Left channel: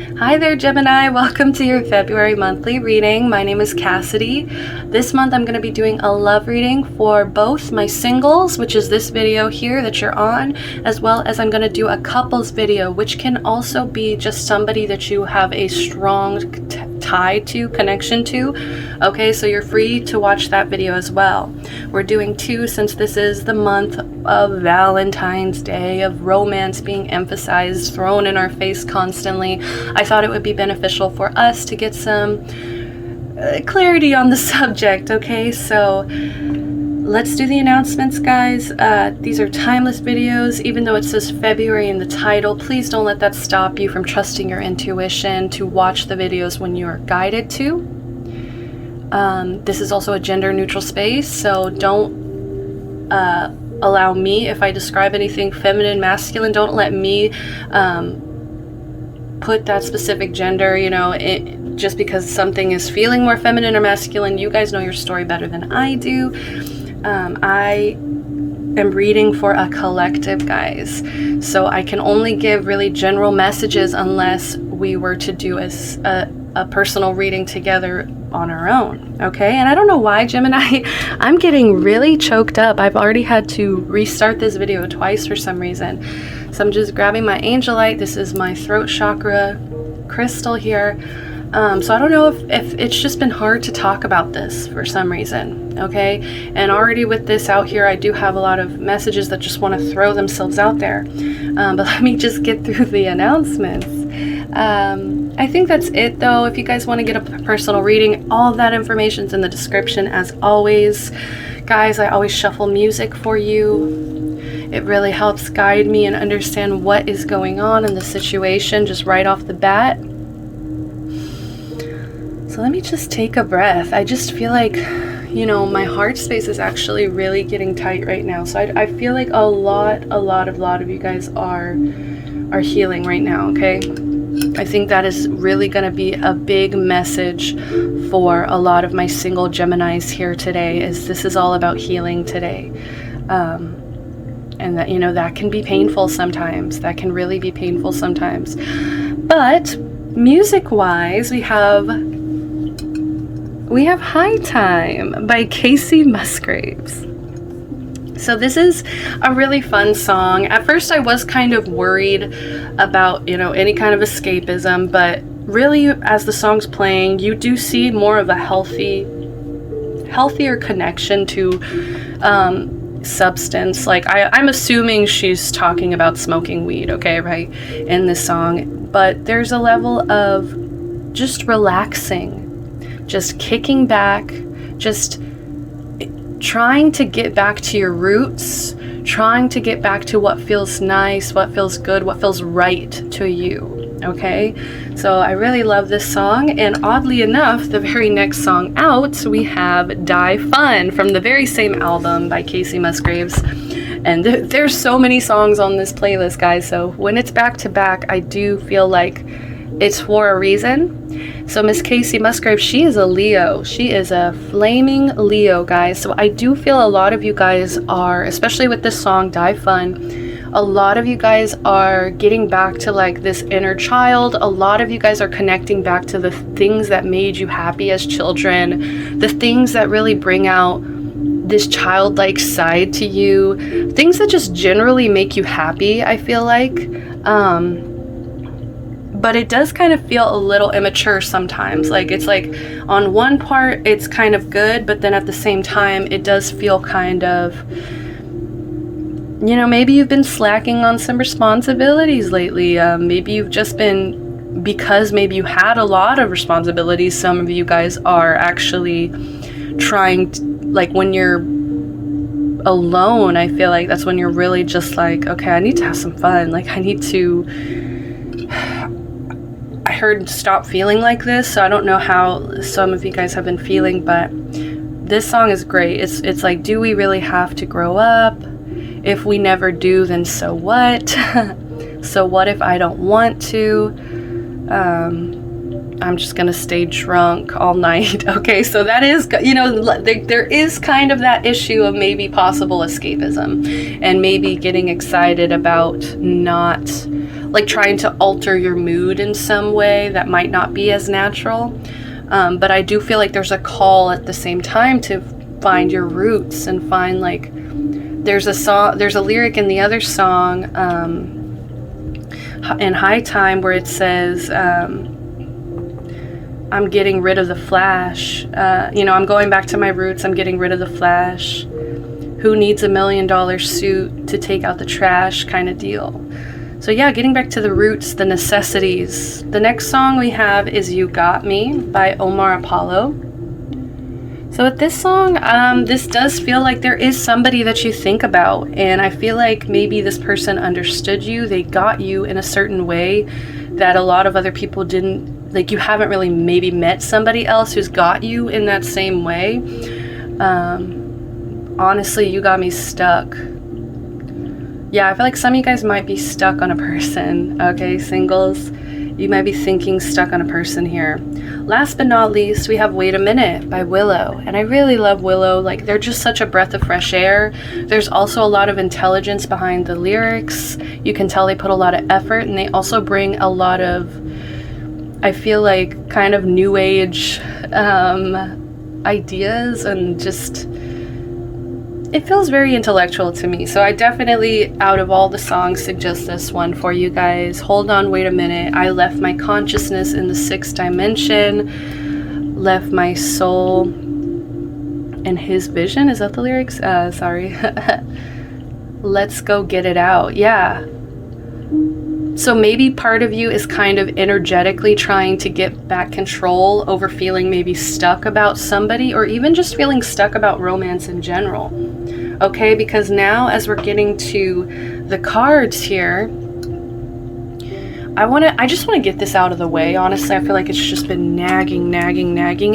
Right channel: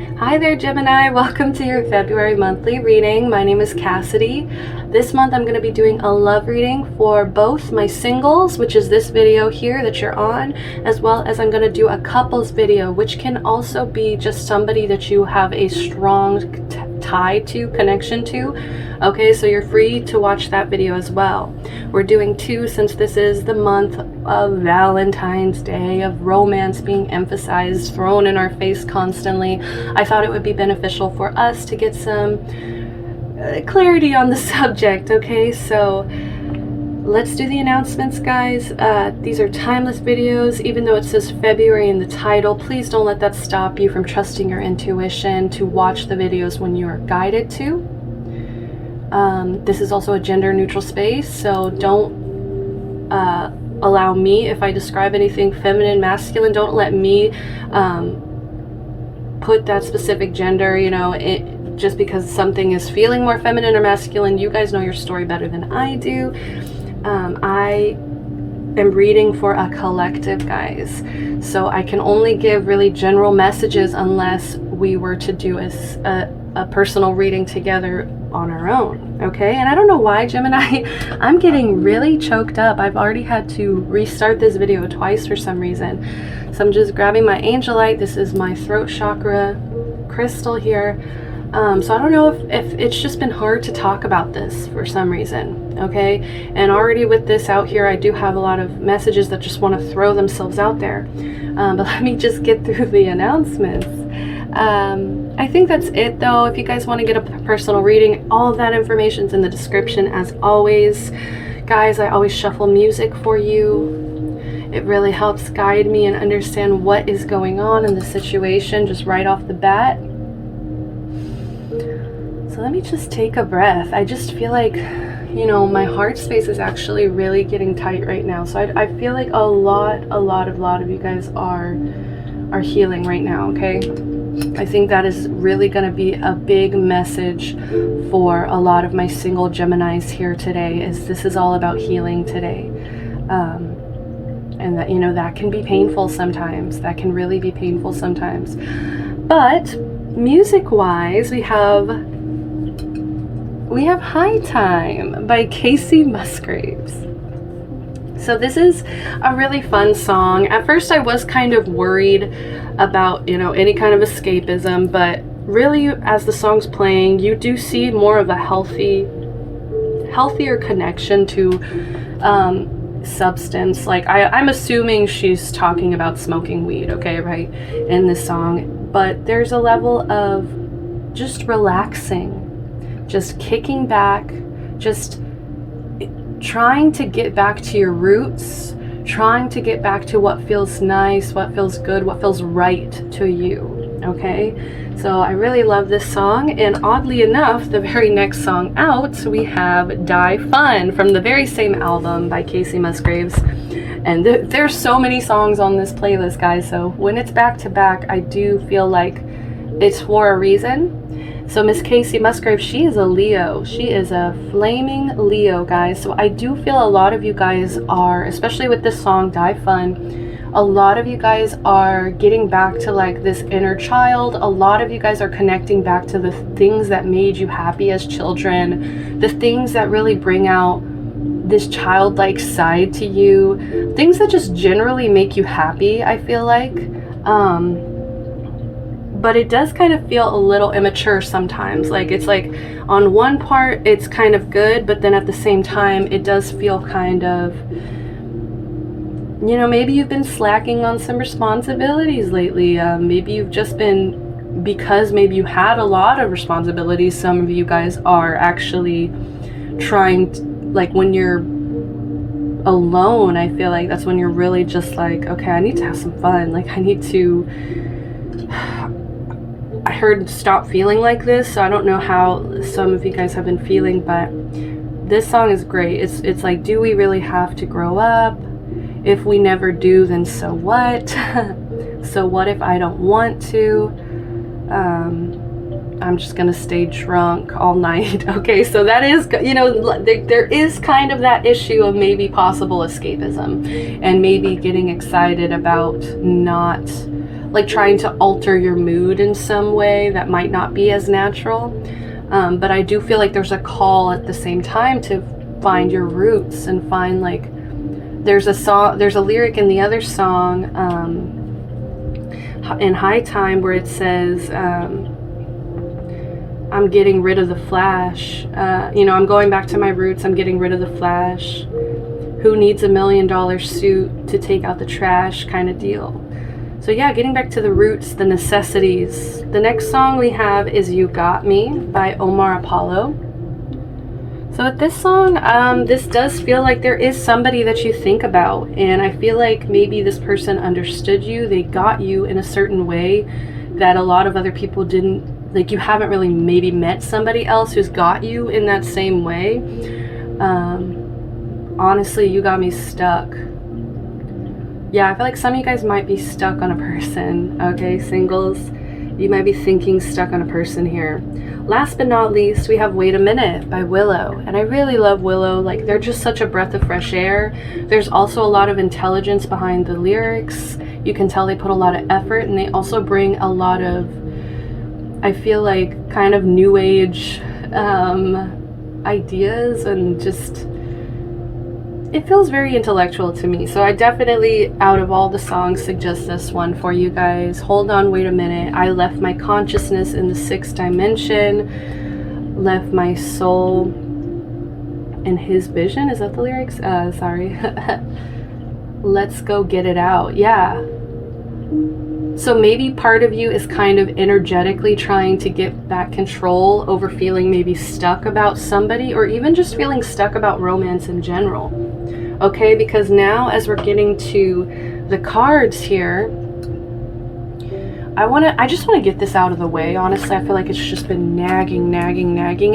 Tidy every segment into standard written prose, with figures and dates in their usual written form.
Hi there, Gemini. Welcome to your February monthly reading. My name is Cassidy. This month I'm going to be doing a love reading for both my singles, which is this video here that you're on, as well as I'm going to do a couples video, which can also be just somebody that you have a strong tie to, connection to. Okay, so you're free to watch that video as well. We're doing two since this is the month of Valentine's Day, of romance being emphasized, thrown in our face constantly. I thought it would be beneficial for us to get some clarity on the subject. Okay, so let's do the announcements, guys. These are timeless videos. Even though it says February in the title, please don't let that stop you from trusting your intuition to watch the videos when you are guided to. This is also a gender neutral space, so don't allow me, if I describe anything feminine, masculine, don't let me put that specific gender, just because something is feeling more feminine or masculine. You guys know your story better than I do. I am reading for a collective, guys, so I can only give really general messages unless we were to do a personal reading together on our own. Okay, and I don't know why, Gemini, I'm getting really choked up. I've already had to restart this video twice for some reason. So I'm just grabbing my angelite. This is my throat chakra crystal here. So I don't know if it's just been hard to talk about this for some reason. Okay, and already with this out here, I do have a lot of messages that just want to throw themselves out there. But let me just get through the announcements. I think that's it, though. If you guys want to get a personal reading, all of that information's in the description as always. Guys, I always shuffle music for you. It really helps guide me and understand what is going on in the situation just right off the bat. So let me just take a breath. I just feel like, my heart space is actually really getting tight right now. So I feel like a lot of you guys are healing right now, okay? I think that is really going to be a big message for a lot of my single Geminis here today, is this is all about healing today. And that, that can be painful sometimes. That can really be painful sometimes. But music-wise, we have High Time by Casey Musgraves. So this is a really fun song. At first I was kind of worried about, any kind of escapism, but really as the song's playing, you do see more of a healthier connection to substance. Like I'm assuming she's talking about smoking weed, okay, right, in this song. But there's a level of just relaxing, just kicking back, just trying to get back to your roots, trying to get back to what feels nice, what feels good, what feels right to you, okay? So I really love this song, and oddly enough, the very next song out, we have Die Fun from the very same album by Casey Musgraves. And there's so many songs on this playlist, guys, so when it's back to back, I do feel like it's for a reason. So Miss Casey Musgraves, she is a Leo. She is a flaming Leo, guys. So I do feel a lot of you guys are, especially with this song, Die Fun, a lot of you guys are getting back to like this inner child. A lot of you guys are connecting back to the things that made you happy as children, the things that really bring out this childlike side to you, things that just generally make you happy, I feel like. But it does kind of feel a little immature sometimes. Like it's like on one part it's kind of good, but then at the same time it does feel kind of, maybe you've been slacking on some responsibilities lately. Maybe you've just been, because maybe you had a lot of responsibilities, some of you guys are actually trying to, like when you're alone, I feel like that's when you're really just like, okay, I need to have some fun. Like I need to, I heard stop feeling like this, so I don't know how some of you guys have been feeling, but this song is great. It's like, do we really have to grow up? If we never do, then so what? So what if I don't want to? I'm just gonna stay drunk all night. Okay, so that is, there is kind of that issue of maybe possible escapism and maybe getting excited about not like trying to alter your mood in some way that might not be as natural. But I do feel like there's a call at the same time to find your roots and find, like, there's a lyric in the other song, in High Time, where it says, I'm getting rid of the flash. I'm going back to my roots. I'm getting rid of the flash. Who needs $1 million suit to take out the trash kind of deal? So yeah, getting back to the roots, the necessities. The next song we have is You Got Me by Omar Apollo. So with this song, this does feel like there is somebody that you think about. And I feel like maybe this person understood you. They got you in a certain way that a lot of other people didn't. Like, you haven't really maybe met somebody else who's got you in that same way. Honestly, you got me stuck. Yeah, I feel like some of you guys might be stuck on a person, okay, singles? You might be thinking stuck on a person here. Last but not least, we have Wait a Minute by Willow. And I really love Willow. Like, they're just such a breath of fresh air. There's also a lot of intelligence behind the lyrics. You can tell they put a lot of effort, and they also bring a lot of, I feel like, kind of new age ideas, and just, it feels very intellectual to me. So I definitely, out of all the songs, suggest this one for you guys. Hold on, wait a minute. I left my consciousness in the 6th dimension, left my soul in his vision. Is that the lyrics? Sorry. Let's go get it out. Yeah. So maybe part of you is kind of energetically trying to get back control over feeling maybe stuck about somebody, or even just feeling stuck about romance in general. Okay, because now as we're getting to the cards here, I just want to get this out of the way. Honestly, I feel like it's just been nagging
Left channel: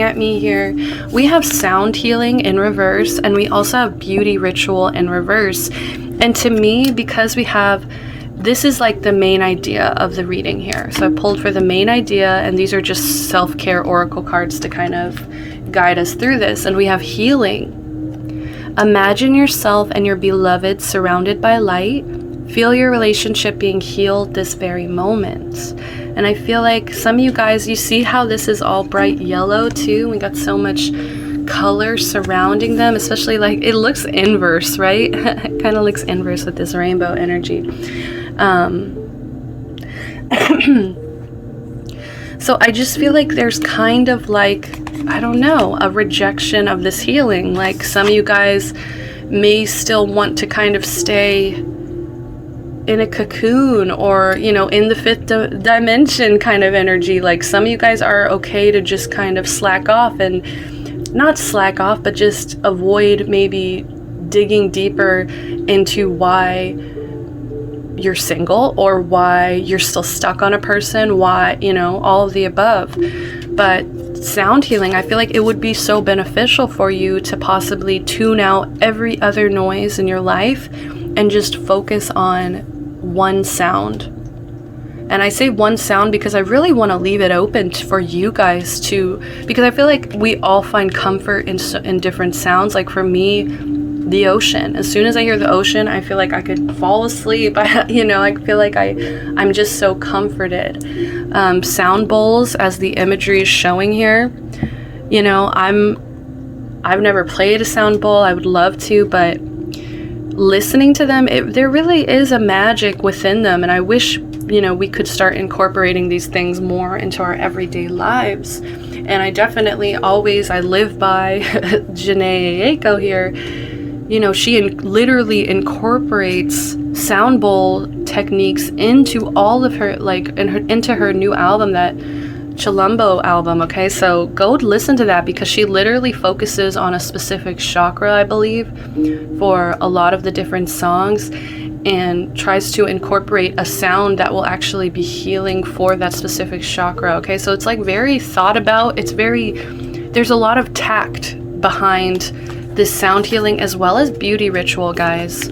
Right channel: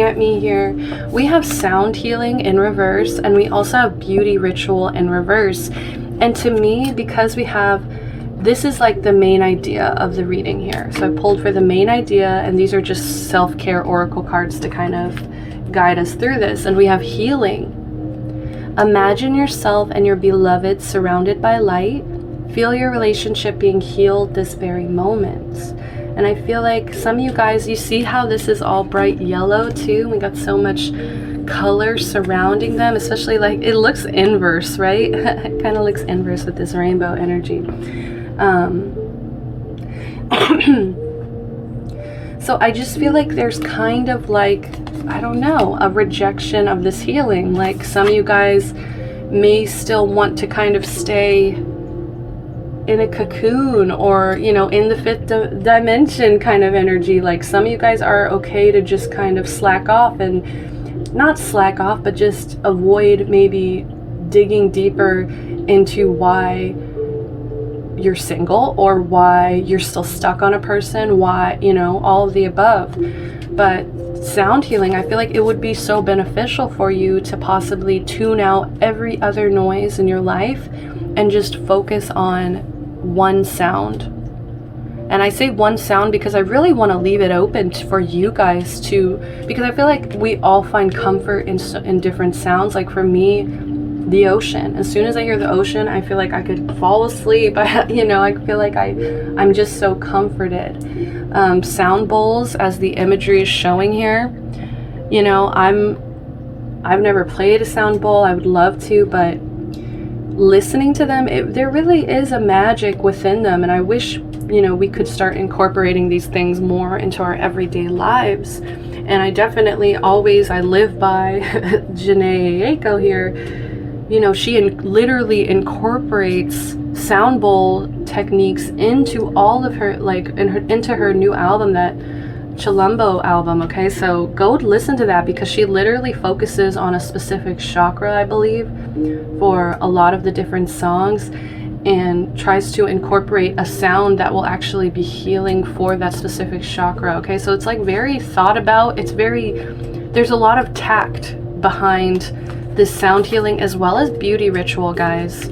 at me here. We have sound healing in reverse, and we also have beauty ritual in reverse. And to me, because we have, this is like the main idea of the reading here. So I pulled for the main idea, and these are just self-care oracle cards to kind of guide us through this. And we have healing. Imagine yourself and your beloved surrounded by light. Feel your relationship being healed this very moment. And I feel like some of you guys, you see how this is all bright yellow too? We got so much color surrounding them, especially, like, it looks inverse, right? It kind of looks inverse with this rainbow energy. So I just feel like there's kind of like, I don't know, a rejection of this healing. Like, some of you guys may still want to kind of stay in a cocoon, or, in the 5th dimension kind of energy. Like, some of you guys are okay to just kind of slack off, and not slack off, but just avoid maybe digging deeper into why you're single, or why you're still stuck on a person, why, all of the above. But sound healing, I feel like it would be so beneficial for you to possibly tune out every other noise in your life and just focus on one sound. And I say one sound because I really want to leave it open for you guys to, because I feel like we all find comfort in different sounds. Like, for me, the ocean. As soon as I hear the ocean, I feel like I could fall asleep. I feel like I'm just so comforted. Sound bowls, as the imagery is showing here, I've never played a sound bowl. I would love to, but listening to them, there really is a magic within them. And I wish, we could start incorporating these things more into our everyday lives. And I definitely I live by Janae Aiko here. She literally incorporates sound bowl techniques into all of her, into her new album, that Chilumbo album. Okay, so go listen to that, because she literally focuses on a specific chakra, I believe, for a lot of the different songs, and tries to incorporate a sound that will actually be healing for that specific chakra. Okay, so it's like very thought about. There's a lot of tact behind this sound healing, as well as beauty ritual, guys.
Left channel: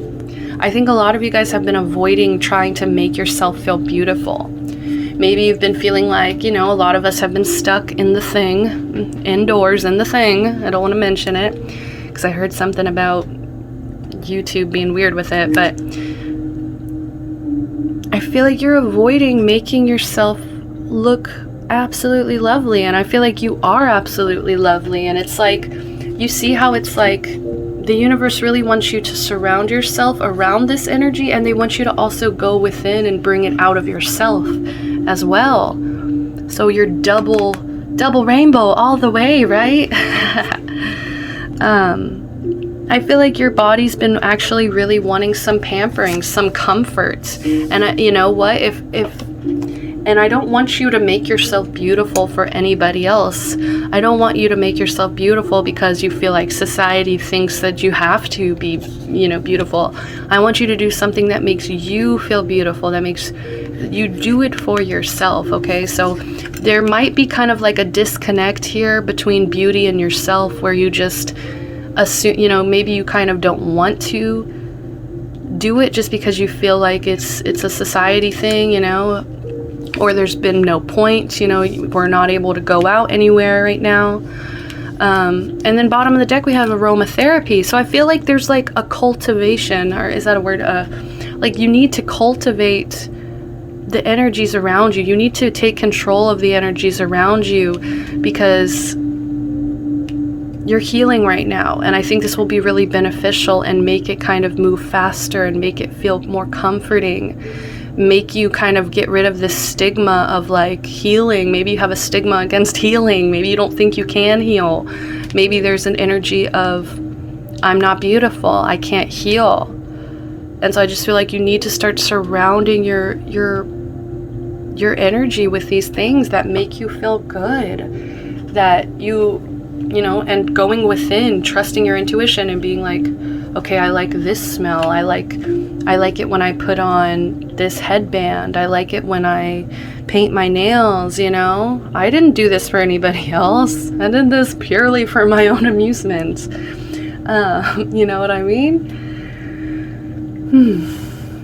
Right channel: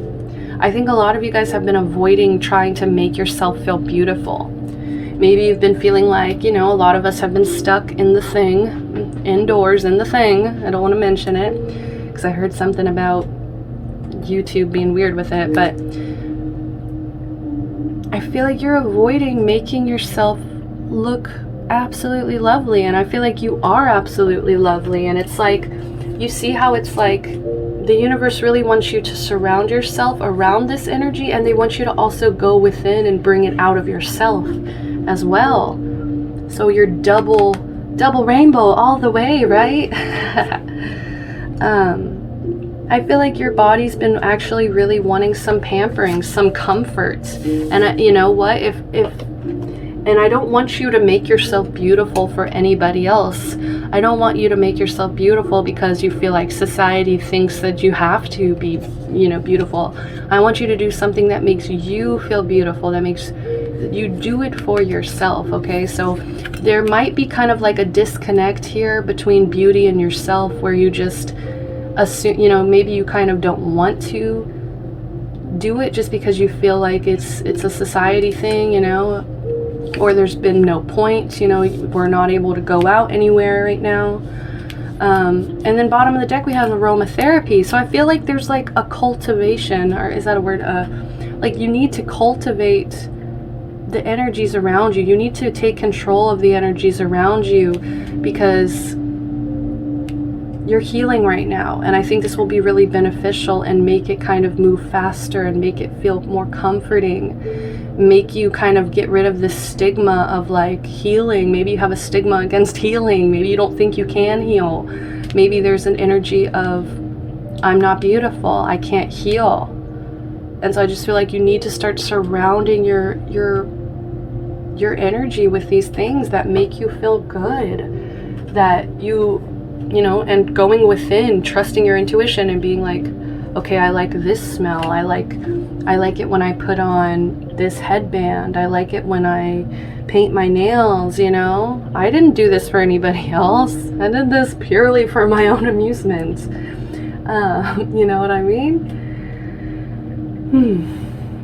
I think a lot of you guys have been avoiding trying to make yourself feel beautiful. Maybe you've been feeling like, a lot of us have been stuck in the thing, indoors in the thing. I don't want to mention it, because I heard something about YouTube being weird with it, but I feel like you're avoiding making yourself look absolutely lovely, and I feel like you are absolutely lovely. And it's like, you see how it's like the universe really wants you to surround yourself around this energy, and they want you to also go within and bring it out of yourself as well. So you're double rainbow all the way, right? I feel like your body's been actually really wanting some pampering, some comfort. And you know what? And I don't want you to make yourself beautiful for anybody else. I don't want you to make yourself beautiful because you feel like society thinks that you have to be, you know, beautiful. I want you to do something that makes you feel beautiful, that makes you do it for yourself, okay? So there might be kind of like a disconnect here between beauty and yourself, where you just assume, you know, maybe you kind of don't want to do it just because you feel like it's a society thing, you know, or there's been no point, you know, we're not able to go out anywhere right now. And then bottom of the deck, we have aromatherapy. So I feel like there's like a cultivation, or is that a word? Like you need to cultivate the energies around you. You need to take control of the energies around you, because you're healing right now. And I think this will be really beneficial and make it kind of move faster and make it feel more comforting. Make you kind of get rid of this stigma of like healing. Maybe you have a stigma against healing. Maybe you don't think you can heal. Maybe there's an energy of, I'm not beautiful, I can't heal. And so I just feel like you need to start surrounding your energy with these things that make you feel good, that you know, and going within, trusting your intuition and being like, okay, I like this smell. I like it when I put on this headband. I like it when I paint my nails, you know? I didn't do this for anybody else. I did this purely for my own amusement. You know what I mean?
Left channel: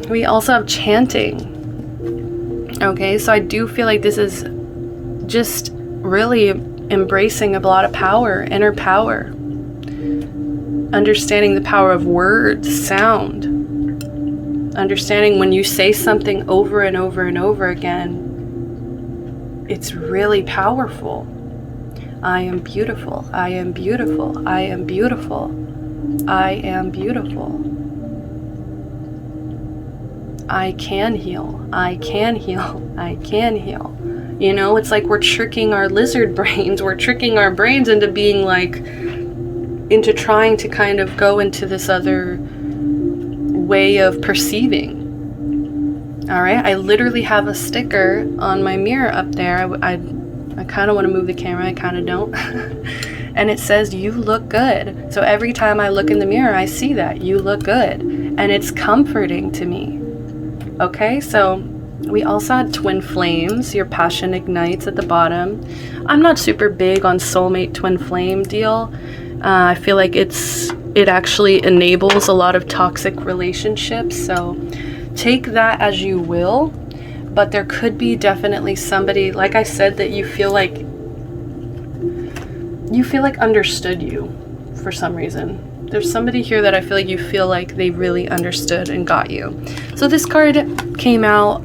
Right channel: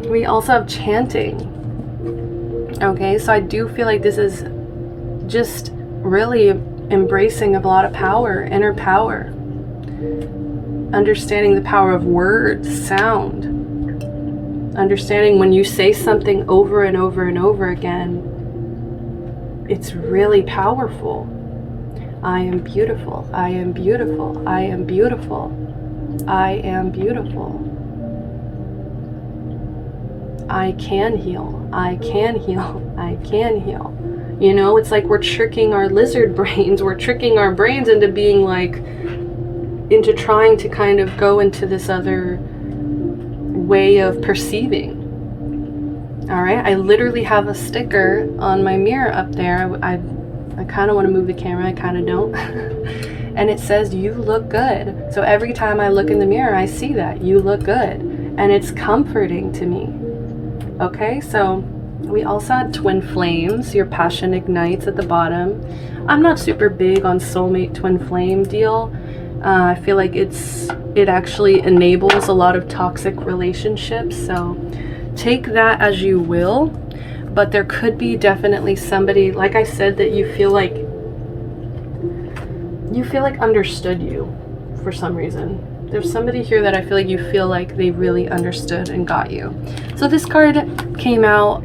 We also have chanting. Okay, so I do feel like this is just really embracing a lot of power, inner power. Understanding the power of words, sound. Understanding when you say something over and over and over again, it's really powerful. I am beautiful. I am beautiful. I am beautiful. I am beautiful. I can heal. I can heal. I can heal. You know, it's like we're tricking our lizard brains. We're tricking our brains into being like, into trying to kind of go into this other way of perceiving. All right, I literally have a sticker on my mirror up there. I kind of want to move the camera, I kind of don't. And it says, you look good. So every time I look in the mirror, I see that, you look good. And it's comforting to me. Okay, so we also had twin flames, your passion ignites at the bottom. I'm not super big on soulmate twin flame deal. I feel like it actually enables a lot of toxic relationships, so take that as you will. But there could be definitely somebody, like I said, that you feel like understood you for some reason. There's somebody here that I feel like you feel like they really understood and got you. So this card came out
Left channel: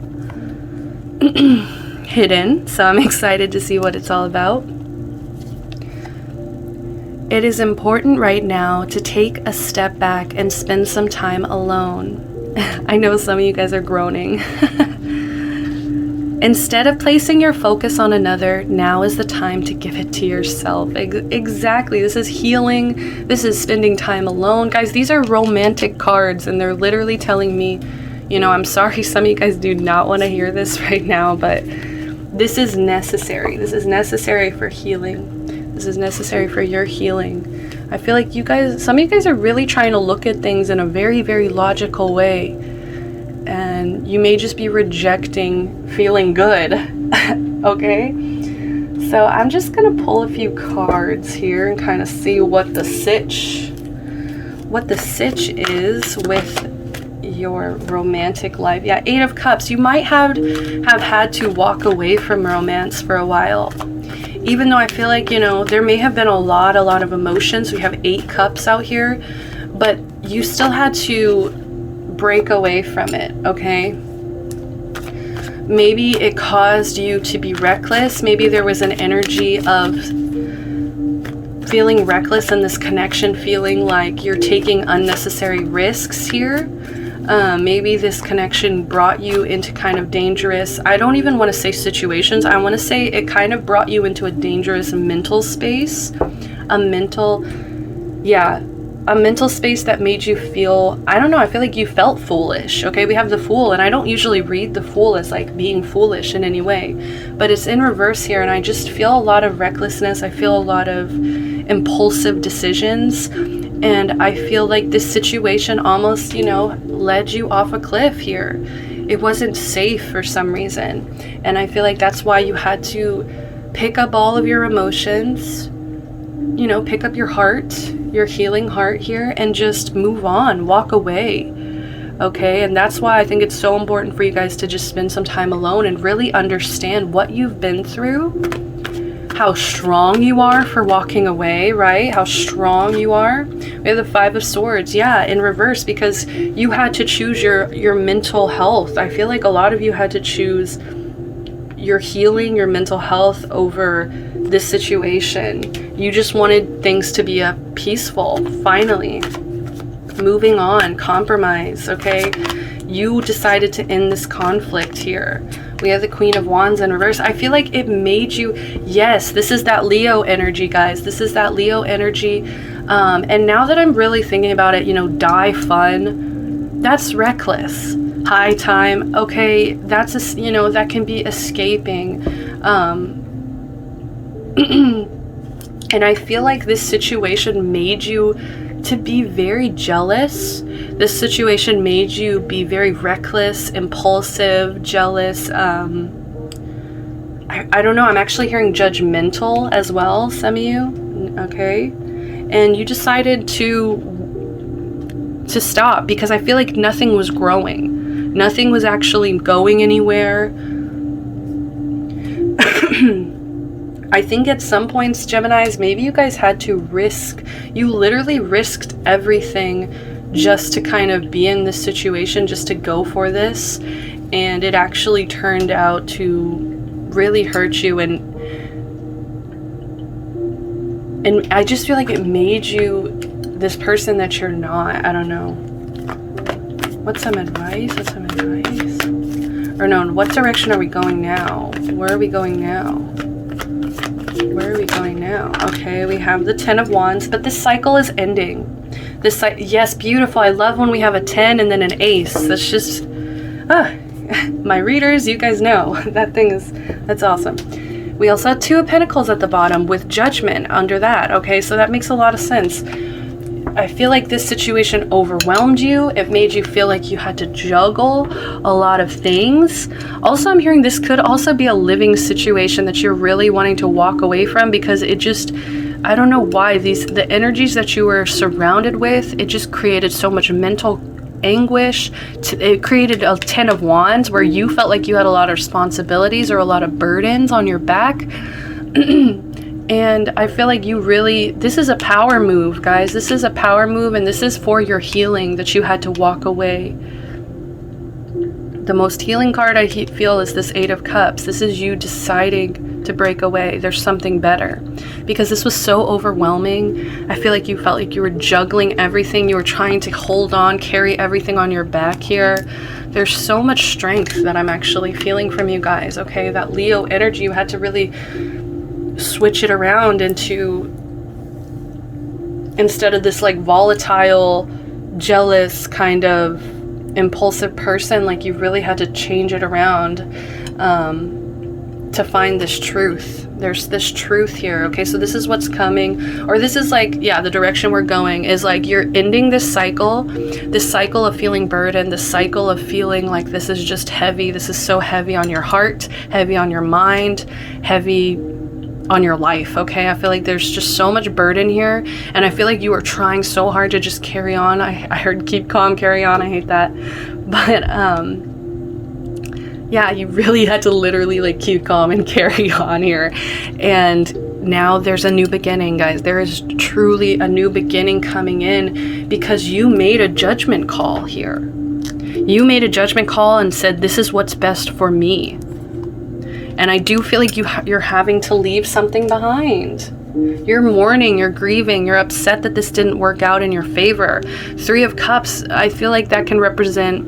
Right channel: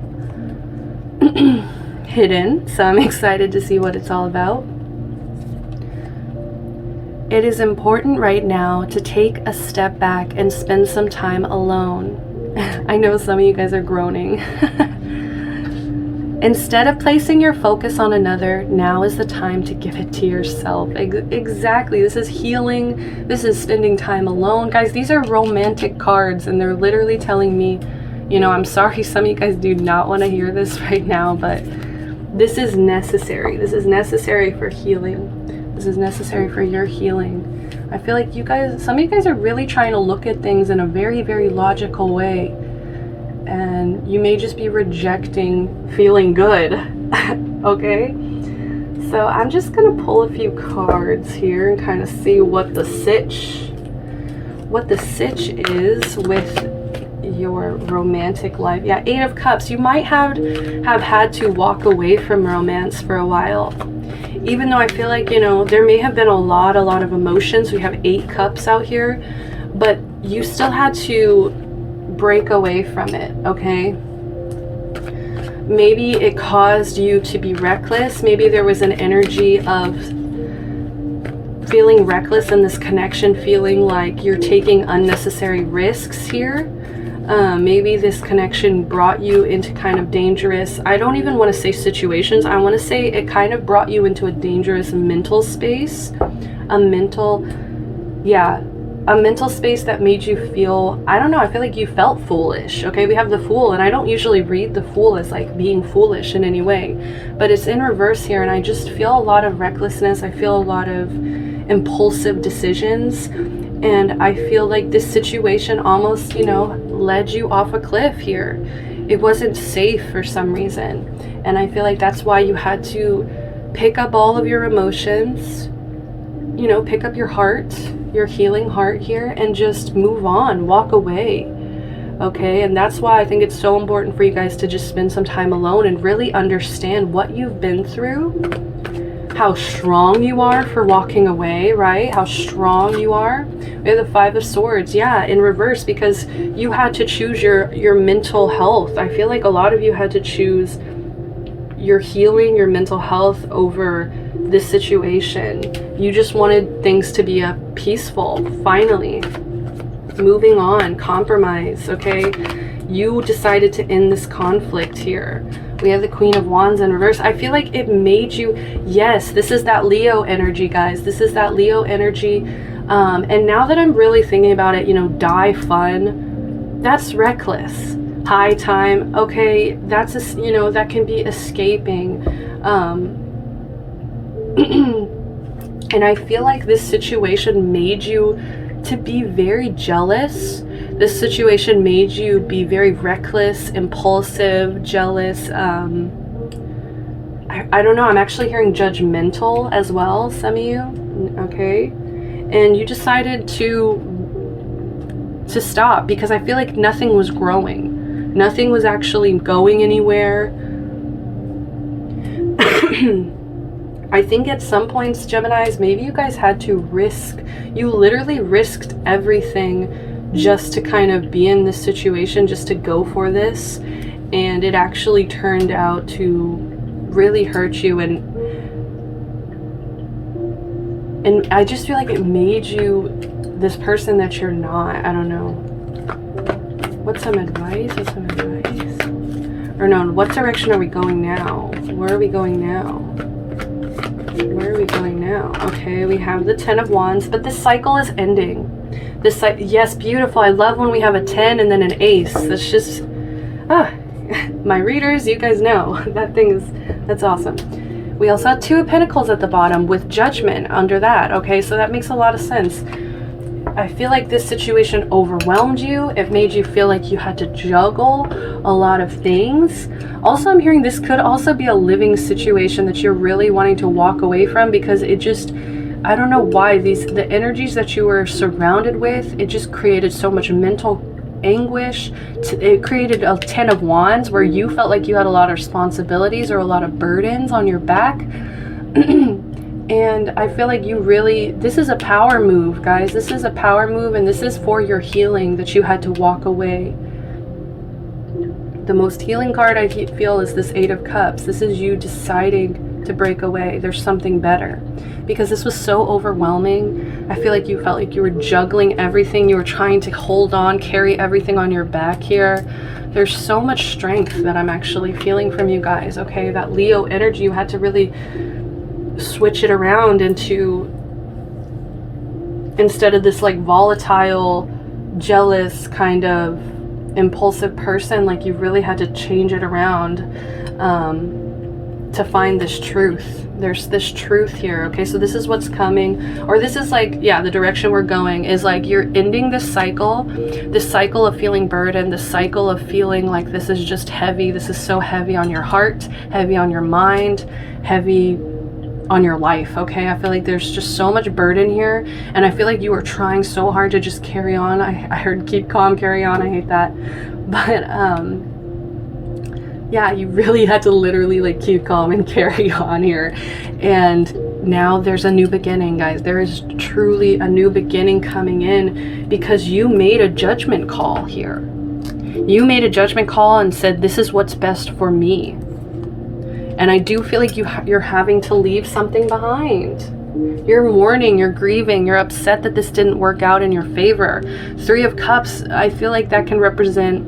hidden, so I'm excited to see what it's all about. It is important right now to take a step back and spend some time alone. I know some of you guys are groaning. Instead of placing your focus on another, now is the time to give it to yourself. Exactly. This is healing. This is spending time alone. Guys, these are romantic cards, and they're literally telling me, you know, I'm sorry some of you guys do not want to hear this right now, but this is necessary. This is necessary for healing. This is necessary for your healing. I feel like you guys, some of you guys are really trying to look at things in a very, very logical way. And you may just be rejecting feeling good. Okay? So I'm just going to pull a few cards here and kind of see what the sitch is with your romantic life. Yeah, 8 of Cups. You might have had to walk away from romance for a while. Even though I feel like, you know, there may have been a lot of emotions. We have 8 Cups out here, but you still had to break away from it, okay? Maybe it caused you to be reckless. Maybe there was an energy of feeling reckless in this connection, feeling like you're taking unnecessary risks here. Maybe this connection brought you into kind of dangerous, I don't even want to say situations, I want to say it kind of brought you into a dangerous mental space, a mental space that made you feel, I don't know, I feel like you felt foolish. Okay, we have the Fool, and I don't usually read the Fool as like being foolish in any way, but it's in reverse here, and I just feel a lot of recklessness. I feel a lot of impulsive decisions, and I feel like this situation almost, you know, led you off a cliff here. It wasn't safe for some reason, and I feel like that's why you had to pick up all of your emotions, you know, pick up your heart, your healing heart here, and just move on, walk away. Okay, and that's why I think it's so important for you guys to just spend some time alone and really understand what you've been through, how strong you are for walking away, right? How strong you are. We have the Five of Swords, yeah, in reverse, because you had to choose your mental health. I feel like a lot of you had to choose your healing, your mental health over this situation. You just wanted things to be peaceful, finally. Moving on, compromise, okay? You decided to end this conflict here. We have the Queen of Wands in reverse. I feel like it made you, yes, this is that Leo energy, guys. This is that Leo energy. And now that I'm really thinking about it, you know, die fun, that's reckless. High time, okay, that's, you know, that can be escaping. And I feel like this situation made you to be very jealous. This situation made you be very reckless, impulsive, jealous. I don't know, I'm actually hearing judgmental as well, some of you, okay? And you decided to stop because I feel like nothing was growing. Nothing was actually going anywhere. I think at some points, Geminis, maybe you guys had to risk, you literally risked everything just to kind of be in this situation, just to go for this. And it actually turned out to really hurt you. And I just feel like it made you this person that you're not. I don't know. What's some advice? What's some advice? Or no, what direction are we going now? Where are we going now? Where are we going now? Okay, we have the Ten of Wands, but this cycle is ending. This yes, beautiful. I love when we have a 10 and then an ace. That's just, my readers, you guys know that thing is, that's awesome. We also have Two of Pentacles at the bottom with Judgment under that. Okay, so that makes a lot of sense. I feel like this situation overwhelmed you. It made you feel like you had to juggle a lot of things. Also, I'm hearing this could also be a living situation that you're really wanting to walk away from, because it just, I don't know why, the energies that you were surrounded with, it just created so much mental anguish. It created a 10 of Wands where you felt like you had a lot of responsibilities or a lot of burdens on your back. And I feel like you really, this is a power move, guys. This is a power move, and this is for your healing that you had to walk away. The most healing card I feel is this Eight of Cups. This is you deciding to break away. There's something better. Because this was so overwhelming. I feel like you felt like you were juggling everything. You were trying to hold on, carry everything on your back here. There's so much strength that I'm actually feeling from you guys, okay? That Leo energy, you had to really switch it around into, instead of this like volatile, jealous kind of impulsive person, like you really had to change it around to find this truth. There's this truth here, okay? So this is what's coming, or this is like, yeah, the direction we're going is like you're ending this cycle of feeling burdened, this cycle of feeling like this is just heavy. This is so heavy on your heart, heavy on your mind, heavy on your life, okay? I feel like there's just so much burden here, and I feel like you are trying so hard to just carry on. I heard keep calm, carry on. I hate that. But yeah, you really had to literally like keep calm and carry on here. And now there's a new beginning, guys. There is truly a new beginning coming in because you made a judgment call here. You made a judgment call and said, this is what's best for me. And I do feel like you're having to leave something behind. You're mourning, you're grieving, you're upset that this didn't work out in your favor. 3 of Cups, I feel like that can represent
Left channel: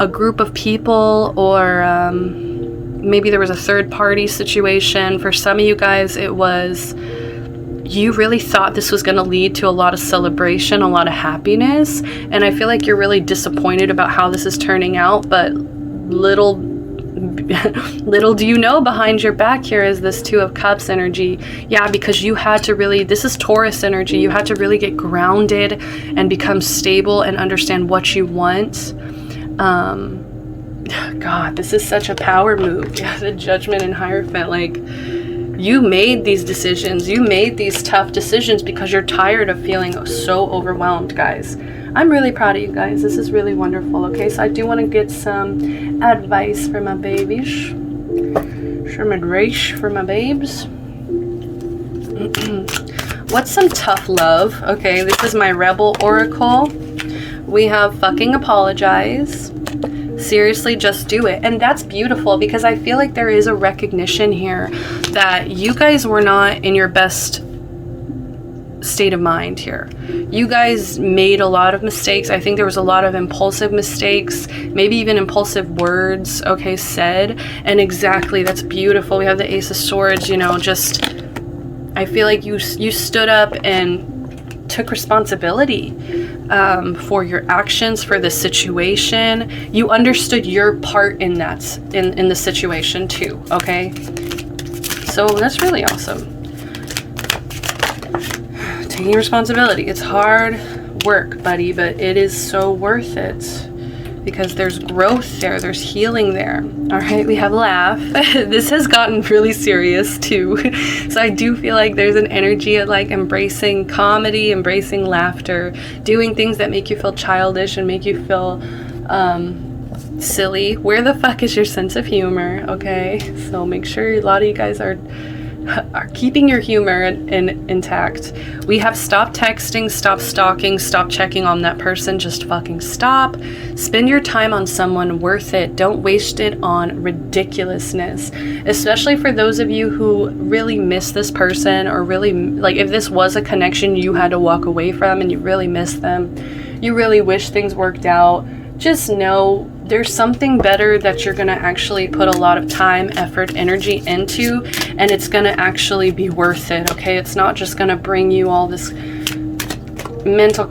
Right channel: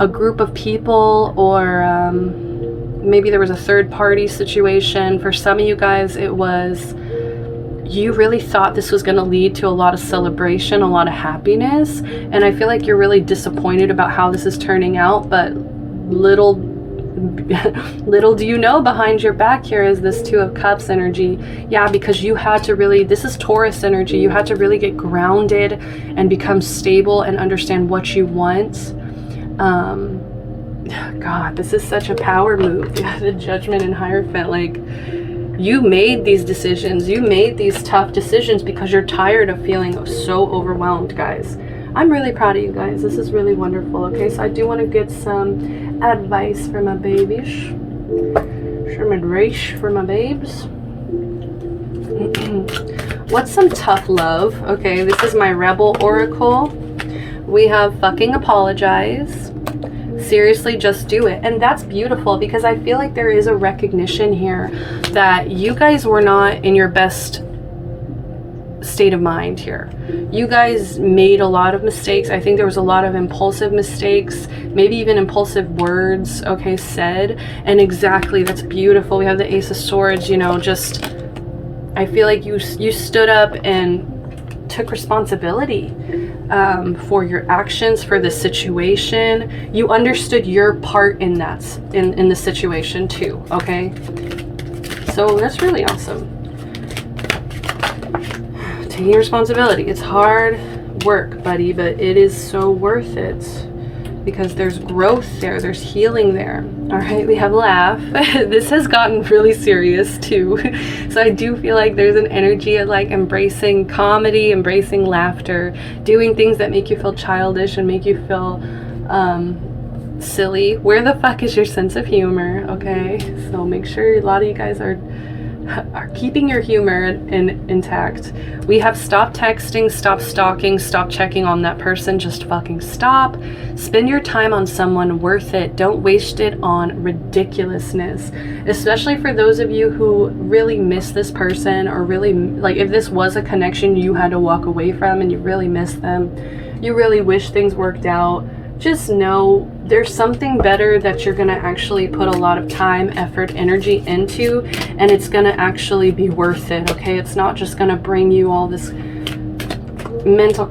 a group of people, or maybe there was a third party situation. For some of you guys, it was, you really thought this was going to lead to a lot of celebration, a lot of happiness. And I feel like you're really disappointed about how this is turning out, but little do you know, behind your back here is this 2 of Cups energy. Yeah, because you had to really, this is Taurus energy, you had to really get grounded and become stable and understand what you want. God, this is such a power move. Yeah, the Judgment and Hierophant. Like, you made these decisions, you made these tough decisions because you're tired of feeling so overwhelmed, guys. I'm really proud of you guys. This is really wonderful. Okay, so I do want to get some advice for my babies. Some advice for my babes. What's some tough love? Okay, this is my Rebel Oracle. We have fucking apologize. Seriously, just do it. And that's beautiful, because I feel like there is a recognition here that you guys were not in your best state of mind here. You guys made a lot of mistakes. I think there was a lot of impulsive mistakes, maybe even impulsive words, okay, said. And exactly, that's beautiful. We have the Ace of Swords, you know, just, I feel like you stood up and took responsibility for your actions, for the situation. You understood your part in that, in the situation too, okay? So that's really awesome. Taking responsibility. It's hard work, buddy, but it is so worth it, because there's growth there, there's healing there. All right, we have laugh. This has gotten really serious too. So I do feel like there's an energy of like embracing comedy, embracing laughter, doing things that make you feel childish and make you feel silly. Where the fuck is your sense of humor? Okay, so make sure a lot of you guys are keeping your humor intact. We have stop texting, stop stalking, stop checking on that person, just fucking stop. Spend your time on someone worth it. Don't waste it on ridiculousness, especially for those of you who really miss this person, or really, like, if this was a connection you had to walk away from and you really miss them, you really wish things worked out. Just know there's something better that you're going to actually put a lot of time, effort, energy into, and it's going to actually be worth it, okay? It's not just going to bring you all this mental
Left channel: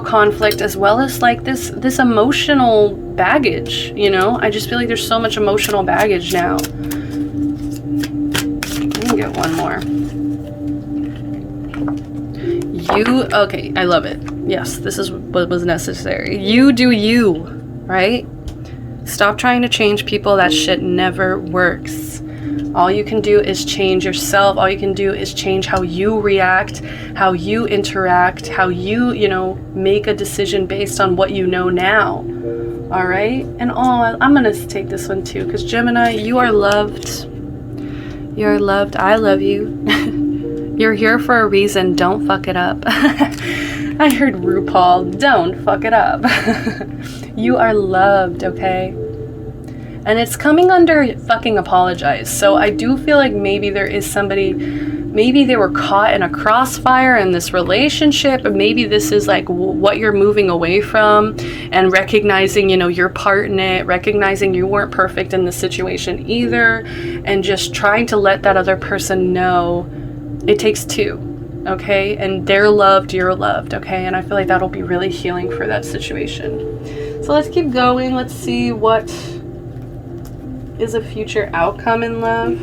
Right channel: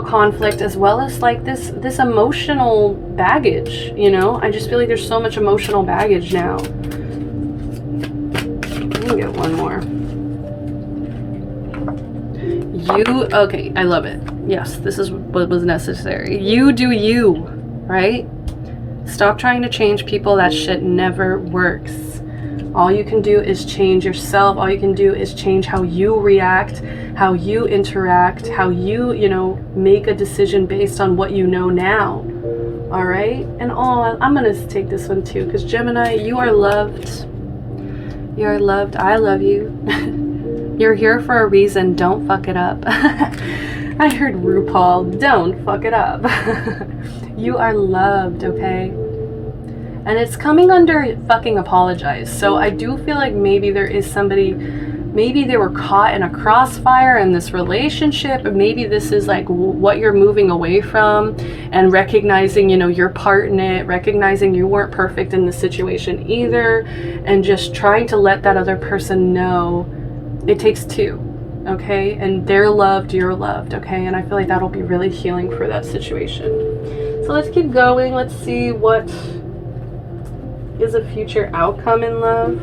conflict, as well as like this emotional baggage, you know? I just feel like there's so much emotional baggage now. Let me get one more. Okay, I love it. Yes, this is what was necessary. You do you, right? Stop trying to change people. That shit never works. All you can do is change yourself. All you can do is change how you react, how you interact, how you, make a decision based on what you know now. All right? And I'm going to take this one too, because Gemini, you are loved. You're loved. I love you. You're here for a reason. Don't fuck it up. I heard RuPaul, don't fuck it up. You are loved, okay? And it's coming under fucking apologize. So I do feel like maybe there is somebody, maybe they were caught in a crossfire in this relationship, or maybe this is like what you're moving away from, and recognizing, your part in it, recognizing you weren't perfect in the situation either, and just trying to let that other person know it takes two, okay? And they're loved, you're loved, okay? And I feel like that'll be really healing for that situation. So let's keep going. Let's see what is a future outcome in love.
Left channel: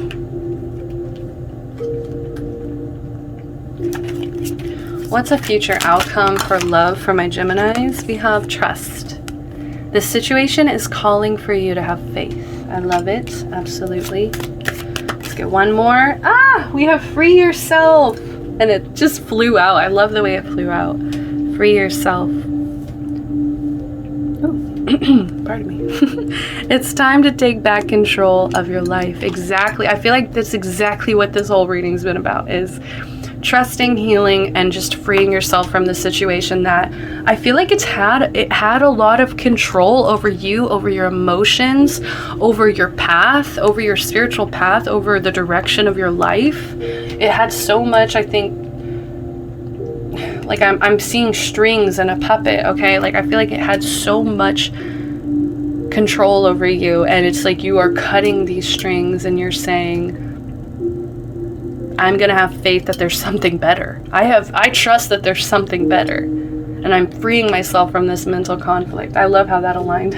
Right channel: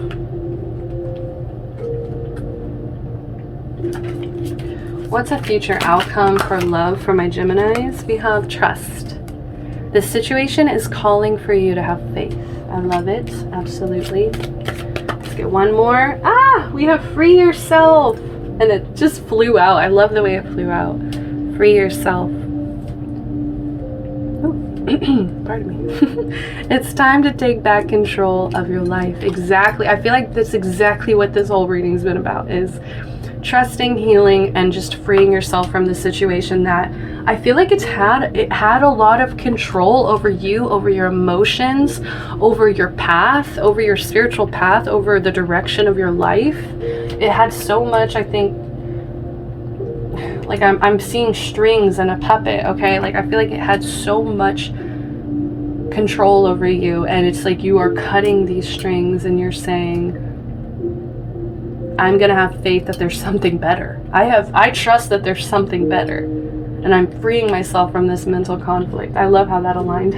What's a future outcome for love for my Geminis? We have trust. This situation is calling for you to have faith. I love it, absolutely. Let's get one more. We have free yourself. And it just flew out. I love the way it flew out. Free yourself. Pardon me. It's time to take back control of your life. Exactly. I feel like that's exactly what this whole reading's been about, is trusting, healing, and just freeing yourself from the situation that I feel like it had a lot of control over you, over your emotions, over your path, over your spiritual path, over the direction of your life. It had so much, I think, like I'm seeing strings and a puppet, okay? Like I feel like it had so much control over you, and it's like you are cutting these strings and you're saying, I'm gonna have faith that there's something better. I trust that there's something better, and I'm freeing myself from this mental conflict. I love how that aligned.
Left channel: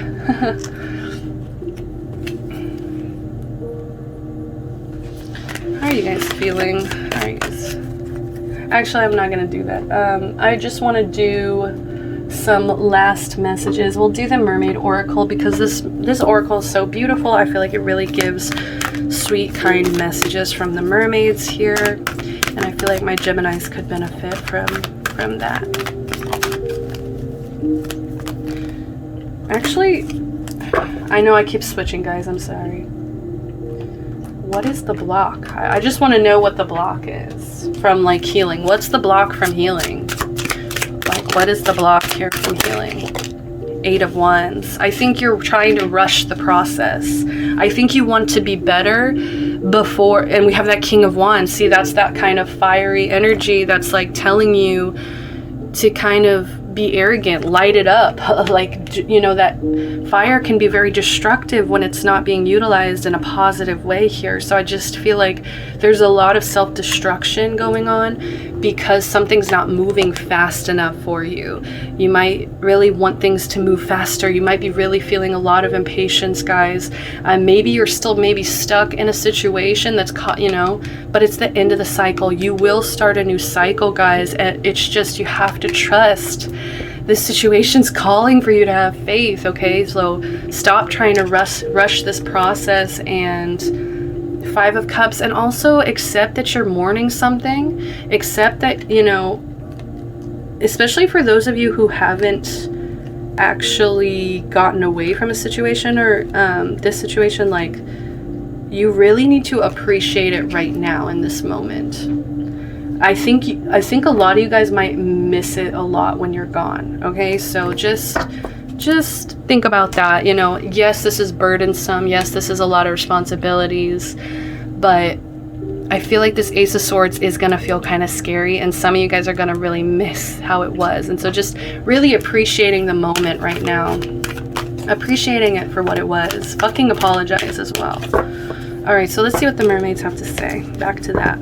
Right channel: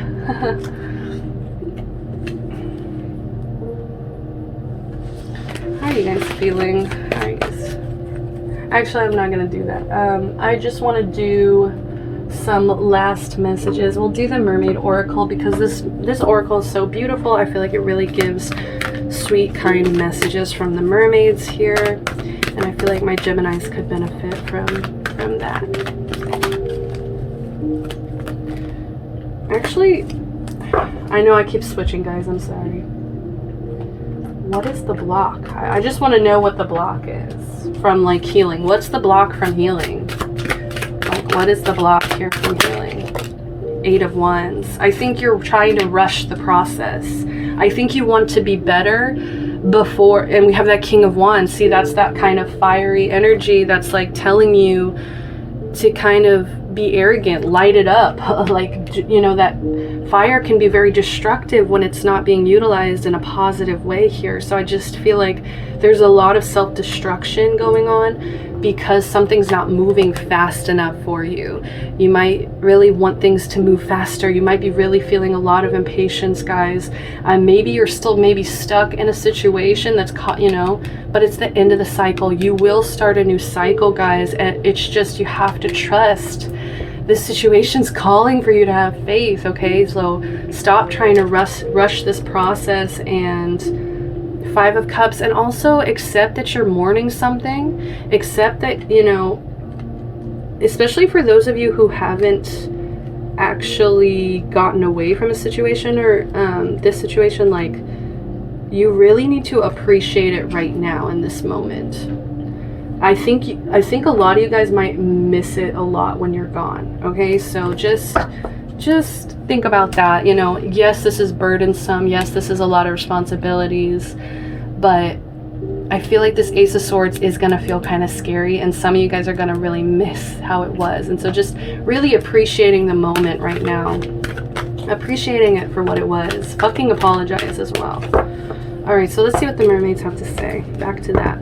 How are you guys feeling? How are you guys? Actually, I'm not gonna do that. I just want to do some last messages. We'll do the Mermaid Oracle because this oracle is so beautiful. I feel like it really gives sweet, kind messages from the mermaids here, and I feel like my Geminis could benefit from that. Actually, I know I keep switching, guys. I'm sorry. What is the block? I just want to know what the block is from, like, healing. What's the block from healing? Like, what is the block here from healing? 8 of Wands. I think you're trying to rush the process. I think you want to be better before, and we have that King of Wands. See, that's that kind of fiery energy that's like telling you to kind of be arrogant, light it up. Like, you know, that fire can be very destructive when it's not being utilized in a positive way here. So I just feel like there's a lot of self-destruction going on because something's not moving fast enough for you. You might really want things to move faster. You might be really feeling a lot of impatience, guys. Maybe you're still stuck in a situation that's caught, you know, but it's the end of the cycle. You will start a new cycle, guys, and it's just, you have to trust. This situation's calling for you to have faith, okay? So stop trying to rush this process, and 5 of Cups, and also accept that you're mourning something. Accept that, you know, especially for those of you who haven't actually gotten away from a situation or this situation, like, you really need to appreciate it right now in this moment. I think a lot of you guys might miss it a lot when you're gone, okay? So just think about that. You know, yes, this is burdensome. Yes, this is a lot of responsibilities, but I feel like this Ace of Swords is going to feel kind of scary, and some of you guys are going to really miss how it was. And so just really appreciating the moment right now. Appreciating it for what it was. Fucking apologize as well. All right, so let's see what the mermaids have to say. Back to that.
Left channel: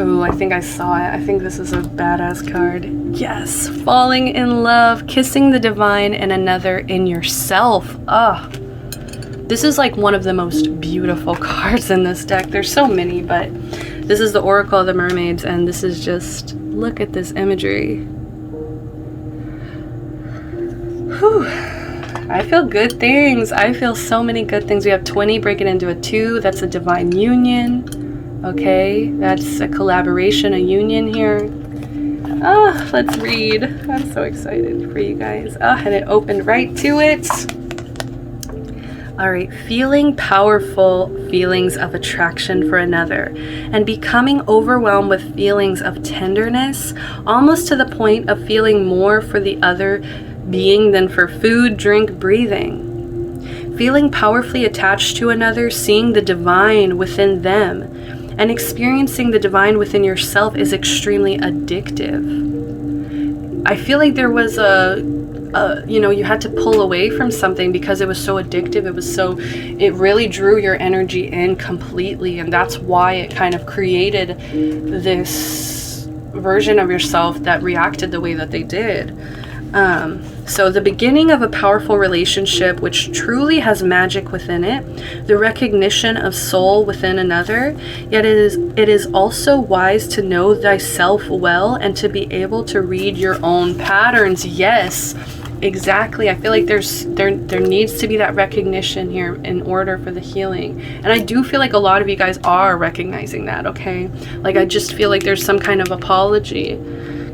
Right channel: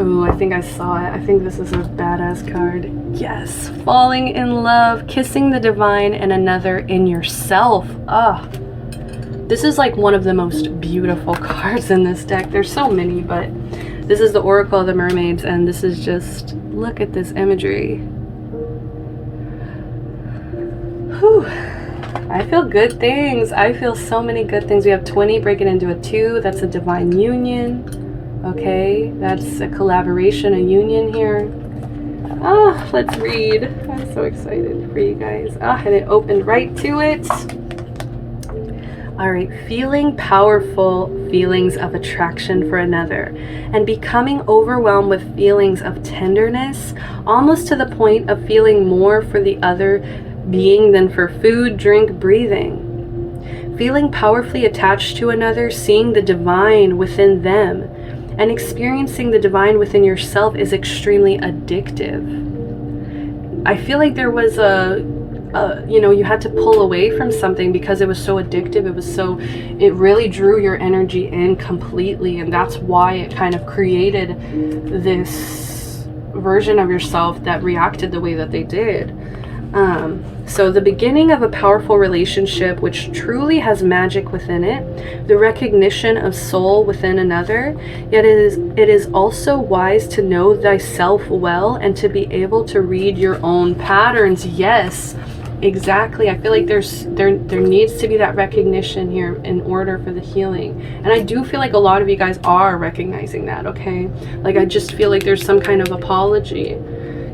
Ooh, I think I saw it. I think this is a badass card. Yes. Falling in love, kissing the divine and another in yourself. Ah. This is like one of the most beautiful cards in this deck. There's so many, but this is the Oracle of the Mermaids, and this is just, look at this imagery. Whew. I feel good things. I feel so many good things. We have 20 breaking into a 2. That's a divine union. Okay, that's a collaboration, a union here. Ah, let's read. I'm so excited for you guys. Ah, and it opened right to it. All right, feeling powerful feelings of attraction for another and becoming overwhelmed with feelings of tenderness, almost to the point of feeling more for the other being than for food, drink, breathing. Feeling powerfully attached to another, seeing the divine within them, and experiencing the divine within yourself is extremely addictive. I feel like there was you know, you had to pull away from something because it was so addictive. It really drew your energy in completely, and that's why it kind of created this version of yourself that reacted the way that they did. So the beginning of a powerful relationship which truly has magic within it, the recognition of soul within another, yet it is also wise to know thyself well and to be able to read your own patterns. Yes, exactly. I feel like there needs to be that recognition here in order for the healing. And I do feel like a lot of you guys are recognizing that, okay? Like, I just feel like there's some kind of apology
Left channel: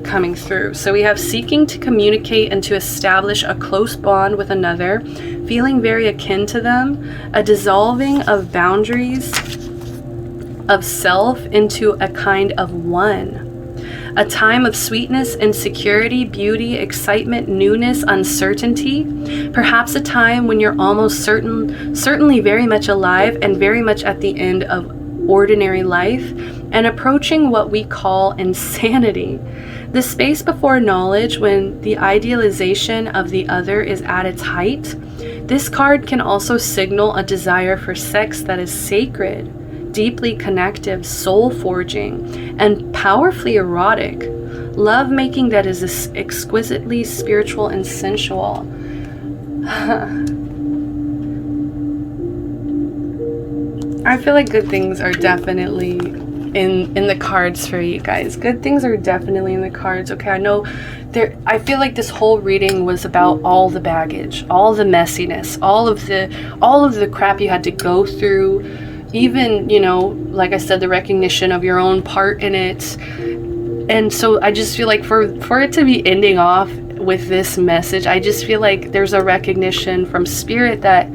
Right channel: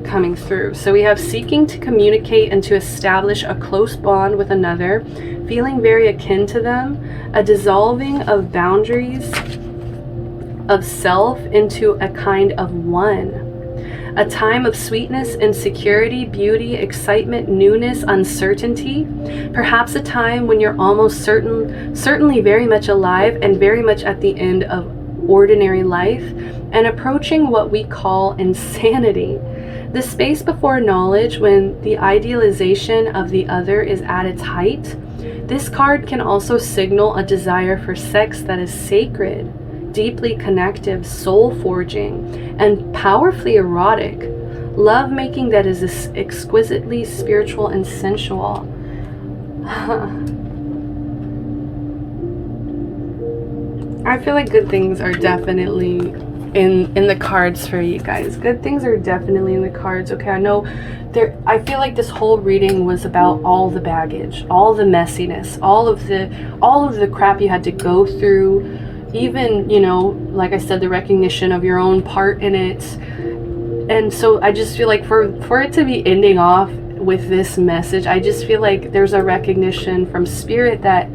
coming through. So we have seeking to communicate and to establish a close bond with another, feeling very akin to them, a dissolving of boundaries, of self into a kind of one. A time of sweetness, insecurity, beauty, excitement, newness, uncertainty. Perhaps a time when you're almost certainly very much alive and very much at the end of ordinary life and approaching what we call insanity. The space before knowledge, when the idealization of the other is at its height. This card can also signal a desire for sex that is sacred, deeply connective, soul-forging, and powerfully erotic. Love-making that is exquisitely spiritual and sensual. I feel like good things are definitely in the cards for you guys. Good things are definitely in the cards. Okay, I know I feel like this whole reading was about all the baggage, all the messiness, all of the crap you had to go through, even, you know, like I said, the recognition of your own part in it. And so I just feel like for it to be ending off with this message, I just feel like there's a recognition from spirit that,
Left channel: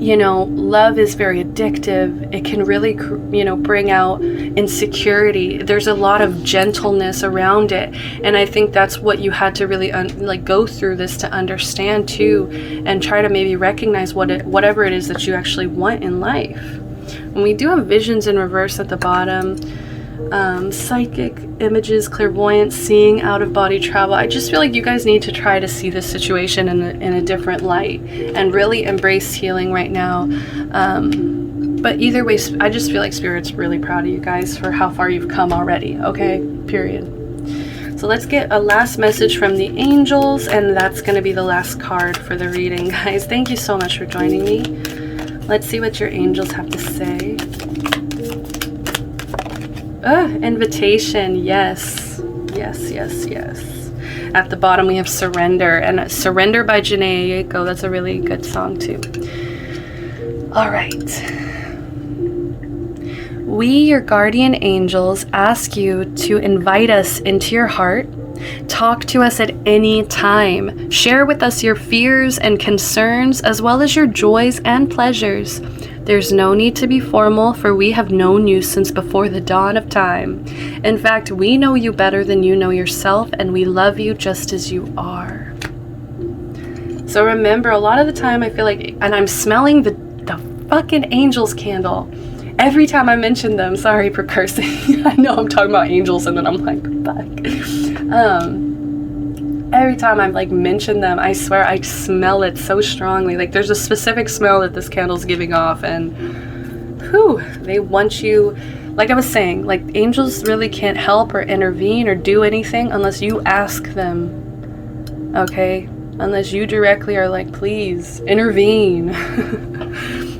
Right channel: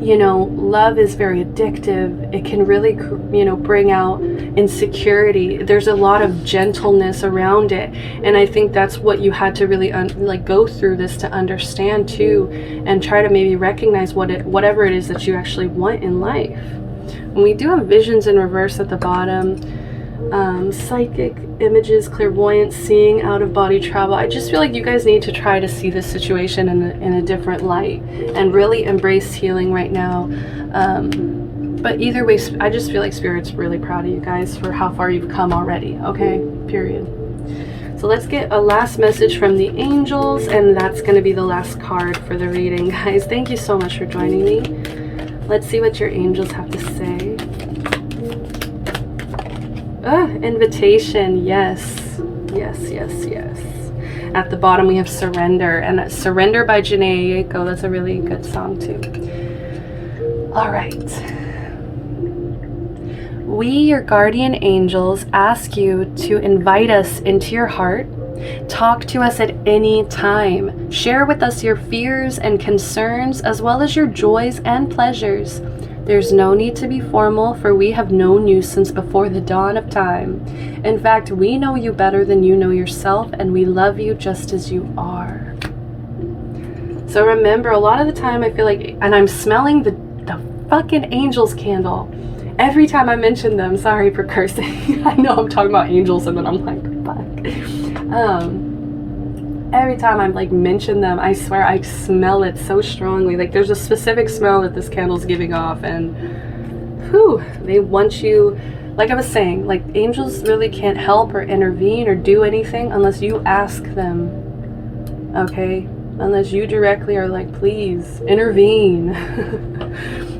you know, love is very addictive. It can really, you know, bring out insecurity. There's a lot of gentleness around it. And I think that's what you had to really go through this to understand too, and try to maybe recognize whatever it is that you actually want in life. And we do have visions in reverse at the bottom. Psychic images, clairvoyance, seeing, out of body travel. I just feel like you guys need to try to see this situation in a different light and really embrace healing right now. But either way, I just feel like Spirit's really proud of you guys for how far you've come already. Okay, period. So let's get a last message from the angels, and that's going to be the last card for the reading, guys. Thank you so much for joining me. Let's see what your angels have to say. Invitation. Yes. Yes, yes, yes. At the bottom we have Surrender, and Surrender by Janae Aiko. That's a really good song too. All right. We, your guardian angels, ask you to invite us into your heart. Talk to us at any time. Share with us your fears and concerns, as well as your joys and pleasures. There's no need to be formal, for we have known you since before the dawn of time. In fact, we know you better than you know yourself, and we love you just as you are. So remember, a lot of the time I feel like, and I'm smelling the fucking angels candle every time I mention them. Sorry for cursing. I know I'm talking about angels and then I'm like, fuck. Every time I'm like mention them, I swear I smell it so strongly. Like there's a specific smell that this candle's giving off, and whew, they want you, like I was saying, like angels really can't help or intervene or do anything unless you ask them, okay? Unless you directly are like, please intervene.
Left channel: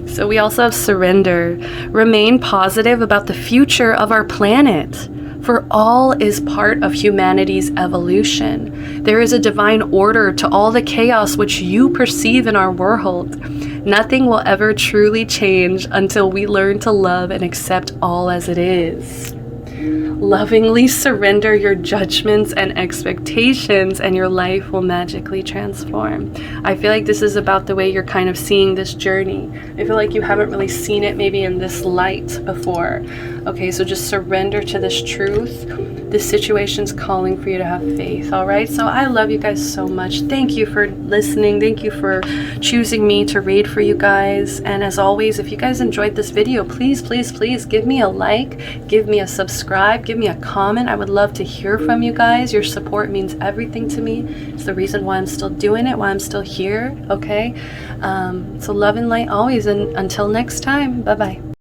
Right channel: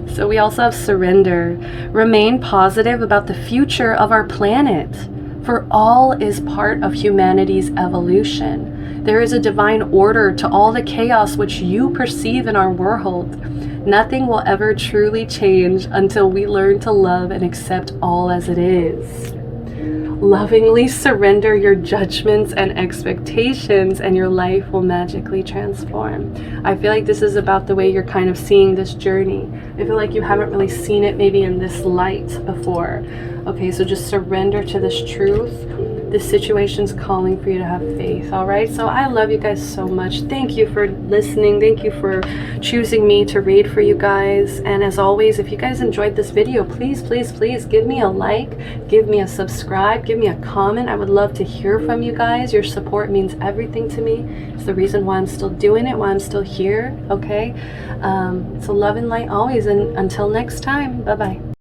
So we also have Surrender. Remain positive about the future of our planet, for all is part of humanity's evolution. There is a divine order to all the chaos which you perceive in our world. Nothing will ever truly change until we learn to love and accept all as it is. Lovingly surrender your judgments and expectations, and your life will magically transform. I feel like this is about the way you're kind of seeing this journey. I feel like you haven't really seen it maybe in this light before. Okay, so just surrender to this truth. This situation's calling for you to have faith, all right? So I love you guys so much. Thank you for listening. Thank you for choosing me to read for you guys. And as always, if you guys enjoyed this video, please, please, please give me a like, give me a subscribe, give me a comment. I would love to hear from you guys. Your support means everything to me. It's the reason why I'm still doing it, why I'm still here, okay? So love and light always, and until next time, bye-bye.